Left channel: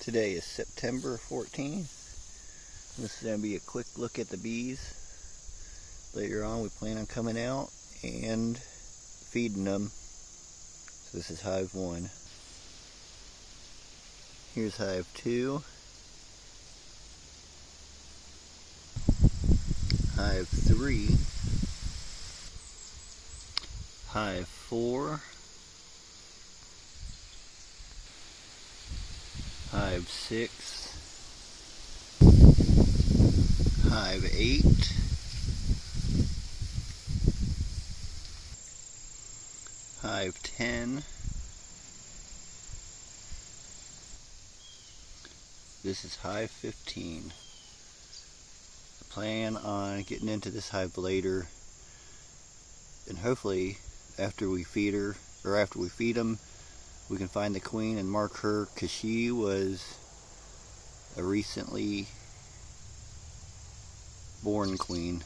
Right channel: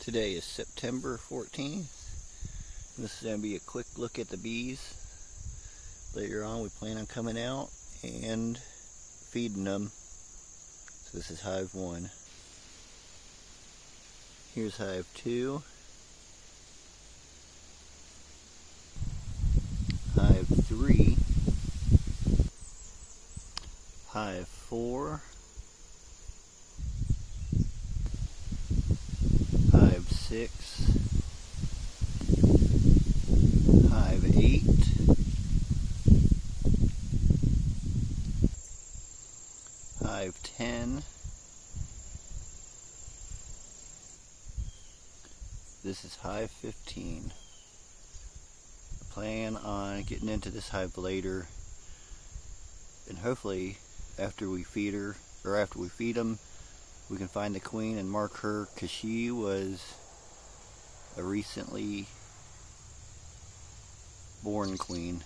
Today is September 14th. This is going to be a quick look at the bees. Later on we plan on coming out and feeding them. So this is hive 1. Here's hive 2. Hive 3. Hive 4. Hive 6. Hive 8. Hive 10. This is hive 15. I plan on getting into this hive later, and hopefully after we feed her, or after we feed them, we can find the queen and mark her, because she was a recently born queen.